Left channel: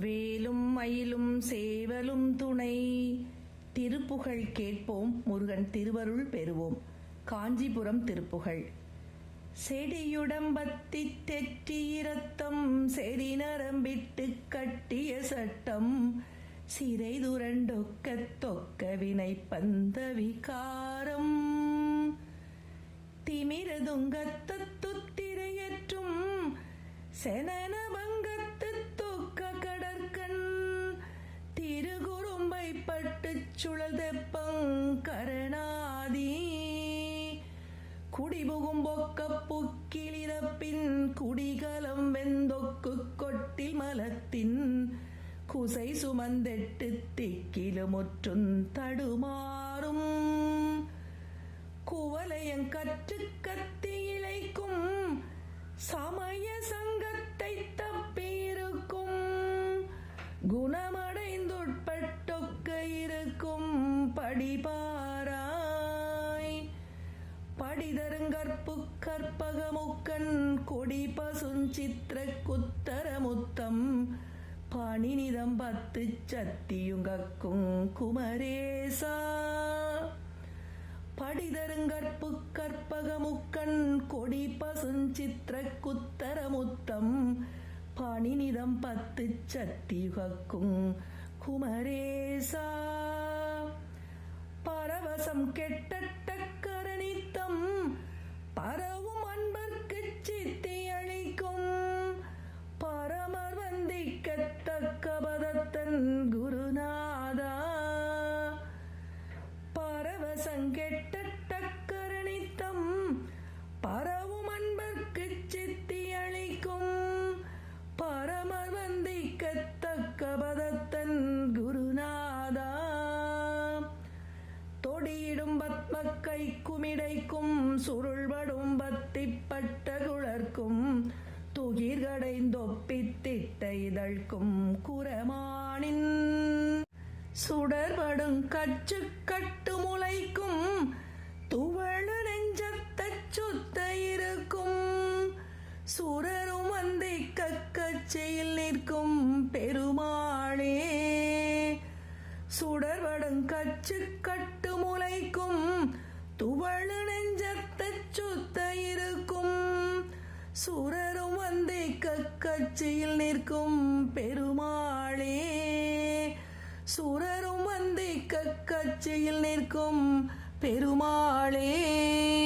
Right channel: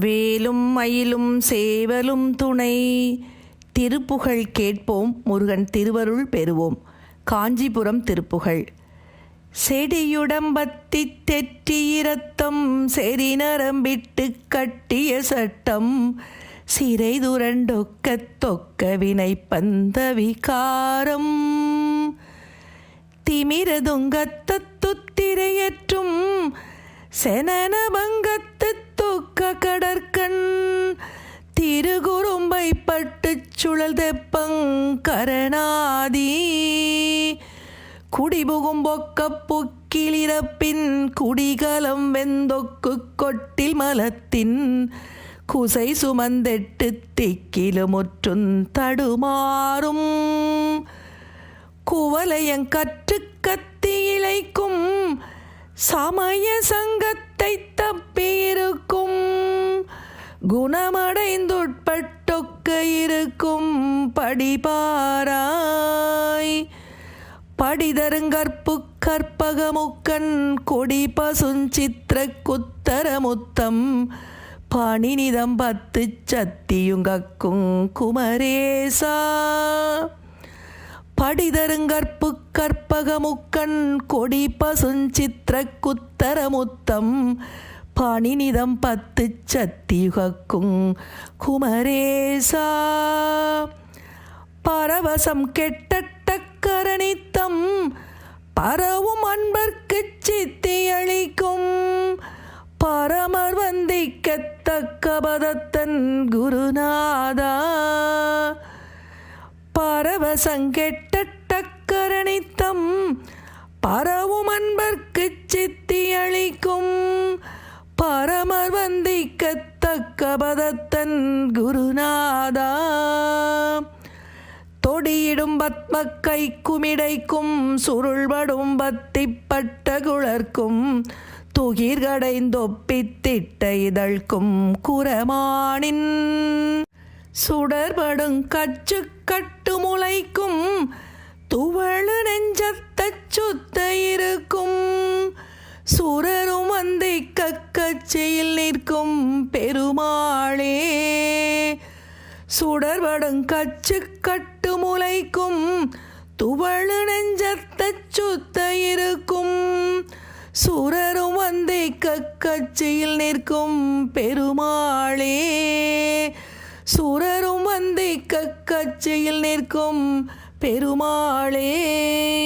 வேலும் மயிலும் சேவலும் துணை. திருப்புகழ் கேட்போம் முருகன் திருவருள் பெறுவோம். காஞ்சிபுரம் திருப்புகழ். செடியுடம்பத்தி தெற்றியிரத்தம் செறி நரம்பிட்டு கட்டிய சட்டம். சிறை துரண்டொக்க தொக்க வினை பந்த விகாரம். திமிரதுங்கத்துத்திரையற்றும் செனன பங்கத்து தொக்க கடற்கண் திருகுறும்பை பட்டு சுழல் தெப்பங்கரணாதி குடிபுகும் பொக்க புக்கிலிரப்பின் குடிகலம் வெந்தொக்கு கொட்டில் மலத்தின் குசை சுமந்தெட்டு திக்கிலுமுற்றுந் தடுமாறும். குவலையங் கற்று கத்தி இழைக்கும் சமய சங்கத்தை தப்பியிருக்கும் குணமடைந்துட்பட்டொக்க இருக்கும் படிபாராய். படிதருங்கற்பு கற்பகமுக்கன் கொடி பசுஞ்சித்திர குத்தரமுத்தம் பணிநிதம் பத்து சத்தியுங்கக்கும் குமரேசா. படிதருங்கற்பு கற்பகமுக்கண் கொடி பசுஞ்சித்திர குத்தரமுத்தம் பணிநிதம் பத்து சத்தியுகக்கும். குமரேசா பரவசம் கெட்டட்டக்கரணித்தம் பரவும் அன்பர்க்கு சித்தியளிக்கும் பரமர் வந்திக்கத்தக்க பதத்தன் குருநாதா பரவசங்கெட்டட்டக்கரணித்தம் பரவும் அன்பர்க்கு சித்தியளிக்கும் பரமர் வந்திக்கத்தக்க பதத்தன் குருநாதா. தொடியிடும் பத்ம கைக்குமிடைக்கும் சுருள்படும் பத்திப்பட்ட குளர்க்கும் துகிர்கடைந்தொப்பித்திட்ட இதழ்க்கும் குரமானின். சுடர்படும் கச்சு கட்டு முளைக்கும் துவளு நெஞ்சத்தச் சுத்த இருக்கும் சுர கக்கச்சையில் நிற்கும் பெருமாளே. சுடர்படும் கச்சு கட்டு முளைக்கும் துவழு நெஞ்சத்த சுத்த இருக்கும். சுரரும் வந்தை கக்கச்சையில் நிற்கும் பெருமாளே. சுரரும் வந்தை கக்கச்சையில் நிற்கும் பெருமாளே.